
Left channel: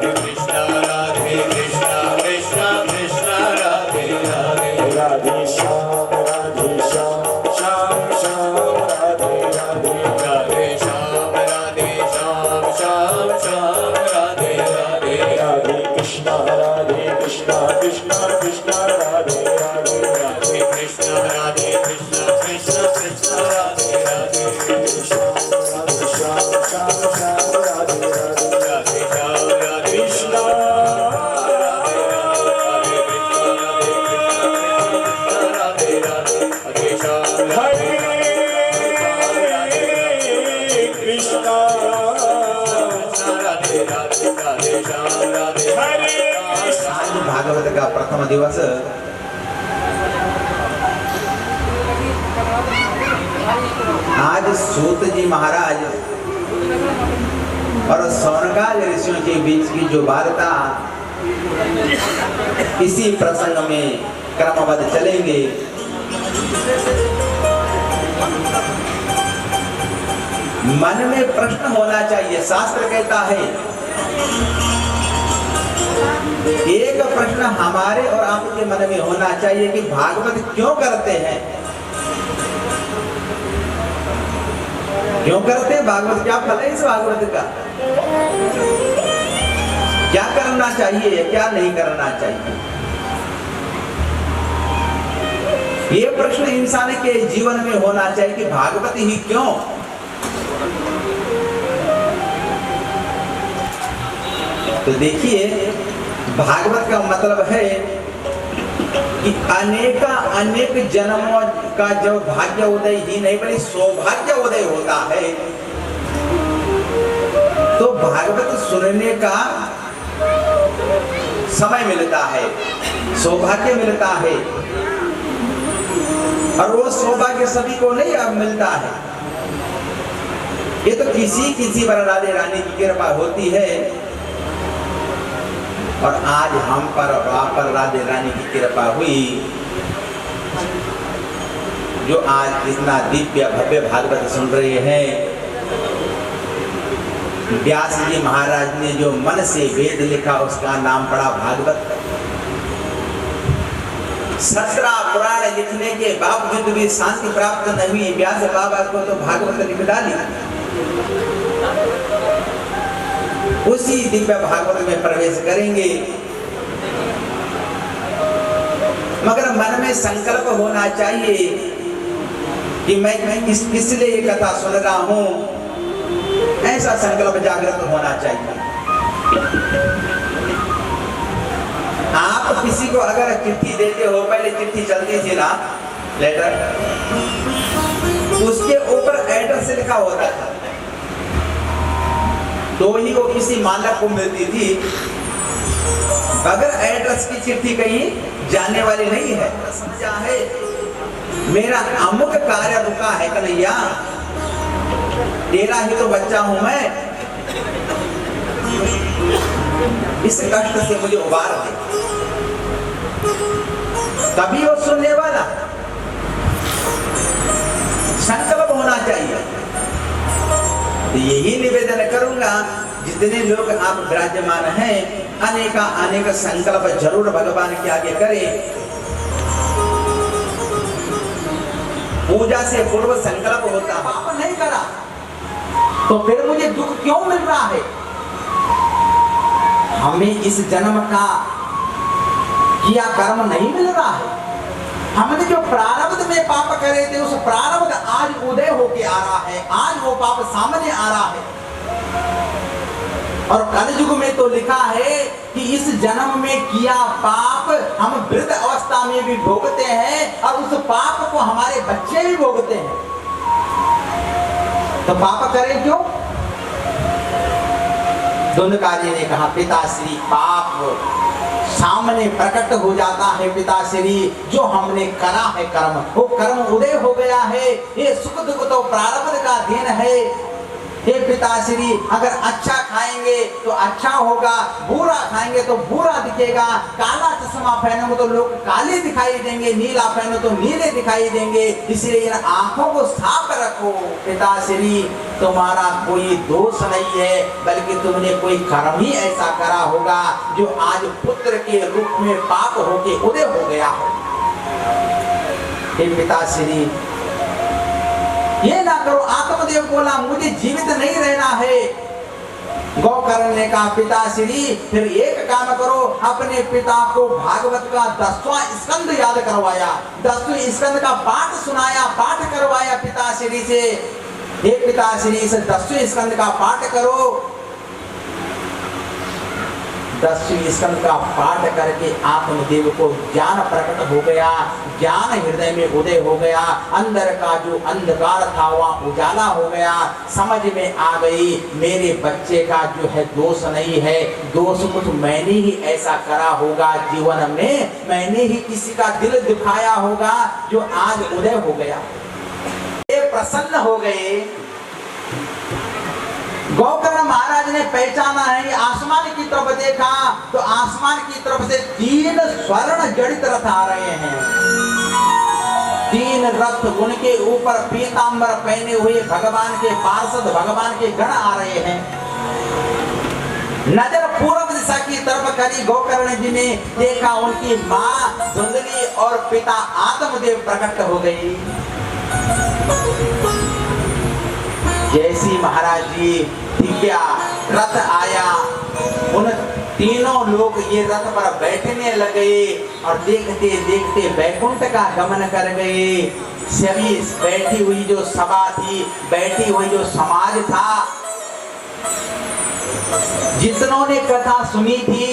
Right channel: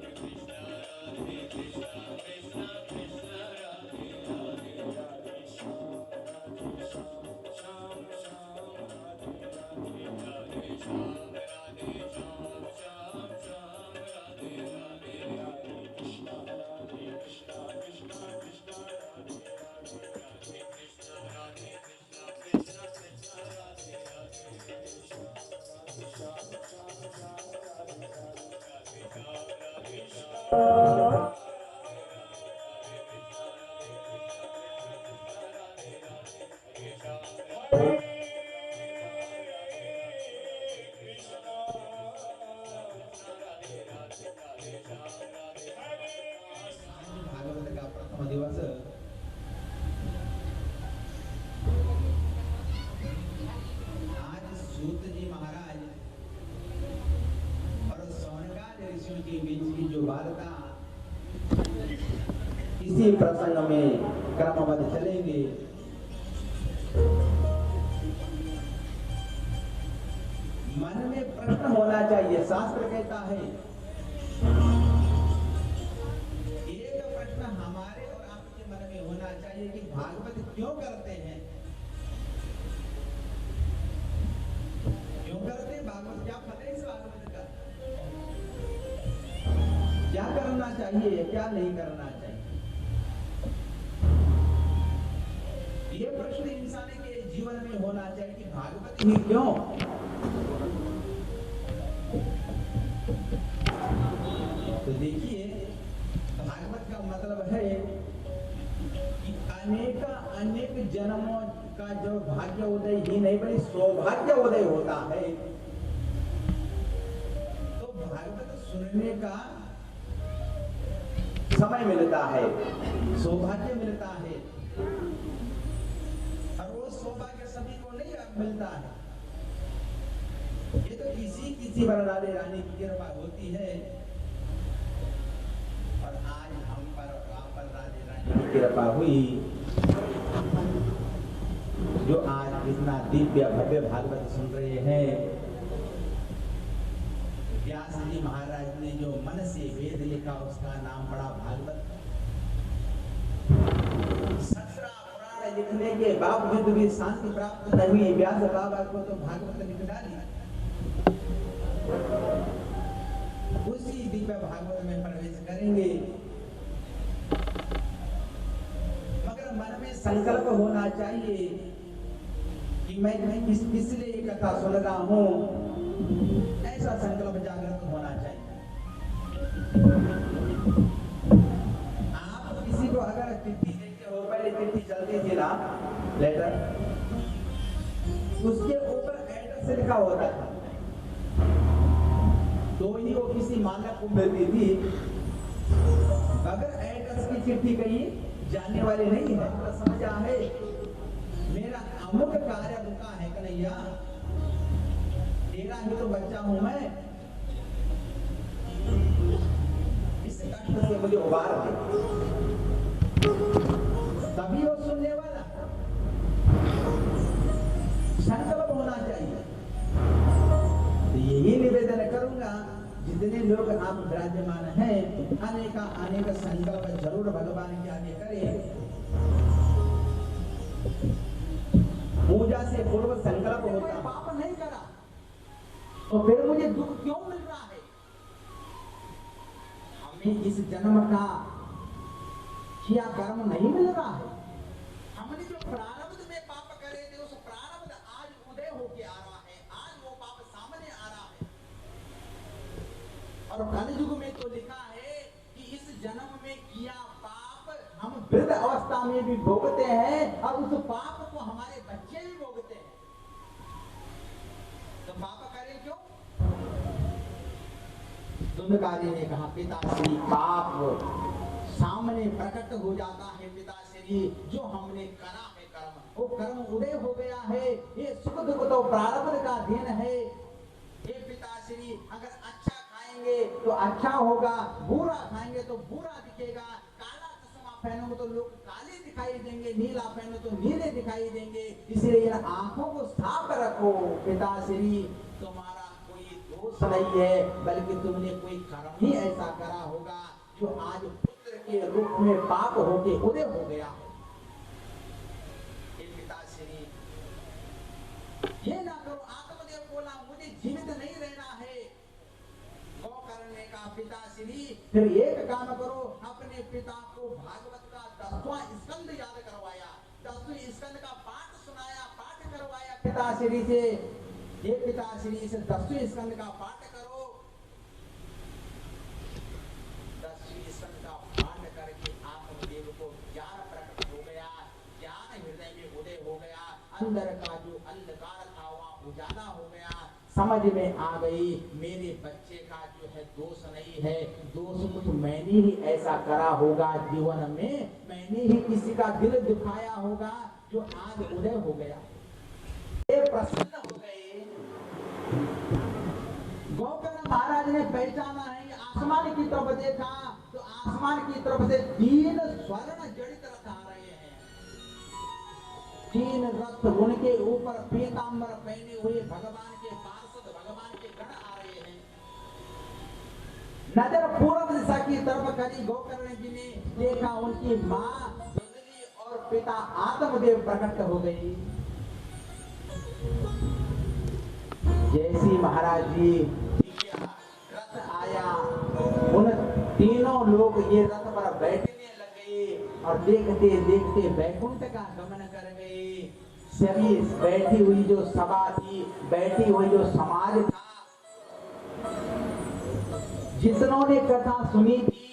कृष्ण राधे कृष्ण कृष्ण कृष्ण राधे राधे राधे श्याम श्याम श्याम राधे राधे राधे श्याम श्याम श्याम राधे राधे राधे कृष्ण कृष्ण कृष्ण राधे राधे राधे कृष्ण कृष्ण कृष्ण कृष्ण राधे राधे श्याम श्याम राधे राधे राधे श्याम राधे कृष्ण राधे राधे राधे श्याम हरे कृष्ण राधे राधे राधे श्याम राधे हरे आज भागवत का प्रथम दिवस आज सूत जी महाराज और सौनकाल ऋषियों के बीच की जो वार्ता इसी प्रसंग में क्रमबद्ध चलेंगे। मन में प्रश्न होना चाहिए। शास्त्र कहता है एक प्रश्न हमारे और आपके मन में होना चाहिए कि भागवत क्यों करते हैं, क्यों करते हैं भागवत, क्या फल है इस भागवत का, क्या करना चाहिए क्या नहीं करना चाहिए। ये प्रश्न इंसान के जीवन में होना चाहिए कि भागवत ही क्यों। तो देखिए भागवत का मतलब है कि अनेक जन्मों का जो भाग्य उदय ही नहीं बल्कि सौभाग्य उदय होता है, तो भागवत सुनने का समय मिलता है, सौभाग्य मिलता है। और वो सौभाग्य सभी को नहीं अब मिलता है, ये तो किसी पर राधे रानी की कृपा होती है। और आज हम पर और आप पर राधे रानी की कृपा हुई, जो आज इतना दिव्य भव्य भागवत सुन रहे हैं। व्यास जी महाराज ने जो मन से वेद लिखा उसका नाम पड़ा भागवत। 17 पुराण लिखने के बावजूद भी शांति प्राप्त नहीं हुई, व्यास बाबा को तो भागवत लिख डाली। उसी दिव्य भागवत में प्रवेश करेंगे, मगर मन में संकल्प होना चाहिए कि मैं इसलिए ये कथा सुन रहा हूं, ऐसा संकल्प जागृत होना चाहिए। आप किसी को अगर चिट्ठी देते हो, पहले चिट्ठी चलती थी ना, लेटर, उसके ऊपर एड्रेस लिखा होता था, तो ही वो किसी मालक को मिलती थी। अगर एड्रेस की चिट्ठी कहीं जाने वाली नहीं है, समझा है मेरा अमुक कार्य रुका है कन्हैया, तेरा ही तो बच्चा हूं मैं, इस कष्ट से मुझे उबार दे। तभी वो सुनने वाला संकल्प होना चाहिए। तो यही निवेदन करूंगा, जितने लोग आप विराजमान हैं, अनेक संकल्प जरूर भगवान के आगे करें। पूजा से पूर्व संकल्प होता, पाप नहीं करा तो फिर मुझे दुख क्यों मिल रहा है? हमें इस जन्म का किया कर्म नहीं मिल रहा है। हमने जो प्रारब्ध में पाप करे थे, उस प्रारब्ध आज उदय होके आ रहा है, आज वो पाप सामने आ रहा है। और कलयुग में तो लिखा है कि इस जन्म में किया पाप हम वृद्ध अवस्था में भी भोगते हैं, और उस पाप को हमारे बच्चे भी भोगते हैं। तो पाप करें क्यों? धुंधकारी ने कहा, पिताश्री पाप सामने प्रकट हो जाता है पिताश्री, जो हमने करा है कर्म, वो कर्म उदय हो गया है। ये सुख दुख तो प्रारब्ध का दिन है। हे पिताश्री, अगर अच्छा खाएंगे तो अच्छा होगा, बुरा खाएंगे तो बुरा दिखेगा। काला चश्मा पहनोगे तो लोग काले दिखाई देंगे, नीला पहनो तो नीले दिखाई देंगे। इसलिए इन आंखों को साफ रखो। पिताश्री, तुम्हारा कोई दोष नहीं है, बल्कि तुमने कोई कर्म ही ऐसा करा होगा जो आज पुत्र के रूप में पाप होके उदय हो गया हो। हे पिताश्री, ये ना करो। आत्मदेव बोला, मुझे जीवित नहीं रहना है। गौकर्ण ने कहा, पिताश्री फिर एक काम करो, अपने पिता को भागवत का 10वां स्कंद याद करवाया, 10वें स्कंद का पाठ सुनाया, पाठ करवाया पिताश्री से। हे पिताश्री, इस 10वें स्कंद का पाठ करो। 10वें स्कंद का पाठ करके आत्मदेव को ज्ञान प्रकट हो गया, ज्ञान हृदय में उदय हो गया। अंदर का जो अंधकार था वह उजाला हो गया। समझ में आ गई, मेरे बच्चे का जो है दोष नहीं है, दोष कुछ मैंने ही ऐसा करा होगा जीवन में, मैंने ही किसी का दिल दुखाया होगा जो आज उदय हो गया। ये प्रसन्न हो गए। गौकर्ण महाराज ने पहचाना है, आसमान की तरफ देखा तो आसमान की तरफ से 3 स्वर्ण जड़ित रथ आ रहे हैं। 3 रथ, उनके ऊपर पीतांबर पहने हुए भगवान के पार्षद, भगवान के गण आ रहे हैं। नजर पूर्व दिशा की तरफ करी, गौकर्ण जी ने देखा उनकी माँ धुंधली और पिता आत्मदेव प्रकट हो गई। जैसी महाराज जी क्या रथ आया, उन तीनों लोग ये रथ पर बैठने लगे और देखते देखते वैकुंठ का गमन कर गए। सभी बैठी हुई जो सभा थी, बैठी हुई जो समाज था, जितनों ने कथा सुनी थी,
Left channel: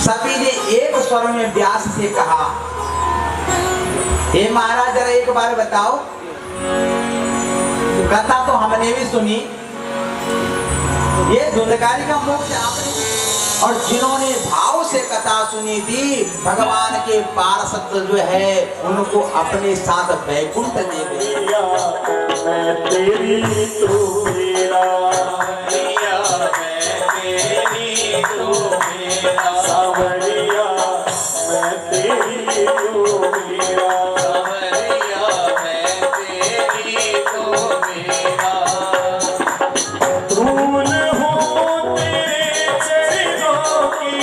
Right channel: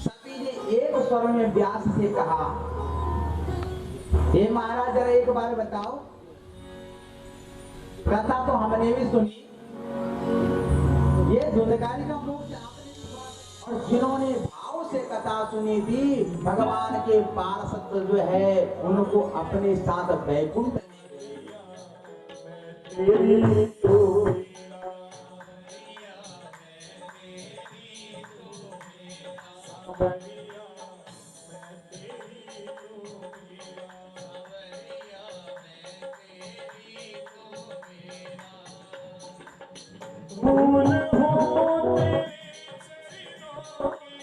सभी ने एक स्वर में व्यास से कहा, हे महाराज जरा एक बार बताओ, कथा तो हमने भी सुनी, ये धुंधकारी का मोक्ष आपने, और जिन्होंने भाव से कथा सुनी थी, भगवान के पार्षद जो है उनको अपने साथ वैकुंठ ले गए। मैं तेरी तू मेरा, सावरिया मैं तेरी तू मेरा, धूल हो तेरे चरणों की,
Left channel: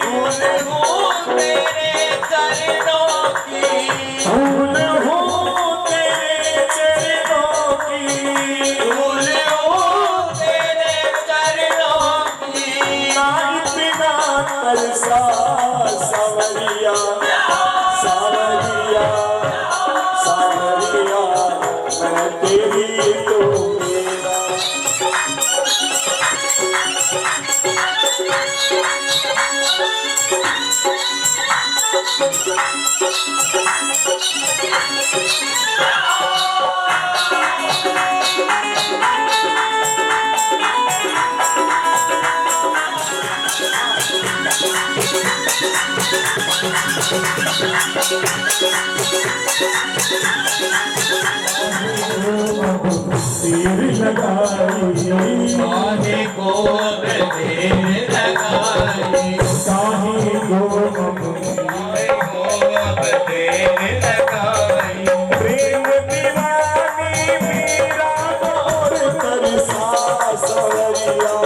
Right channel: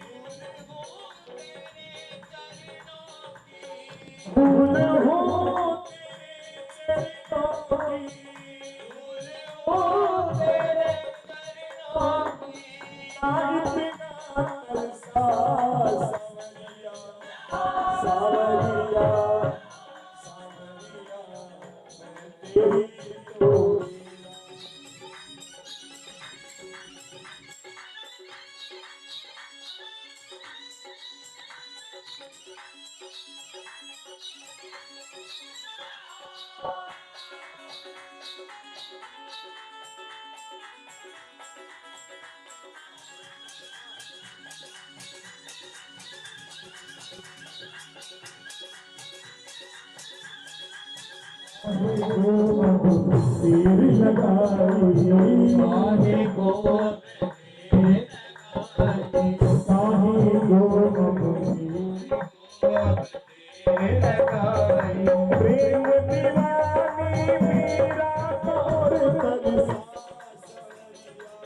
धूल हो तेरे चरणों की, धूल हो तेरे चरणों की, धूल हो तेरे चरणों की, नाई बिना तरसा सावरिया, सावरिया, सावरिया मैं तेरी तो मेरा। Oh, तीर लगाई काहे को देर लगाई काहे को देर लगाई प्रेम दीवानी मेरा और तरसा सवरिया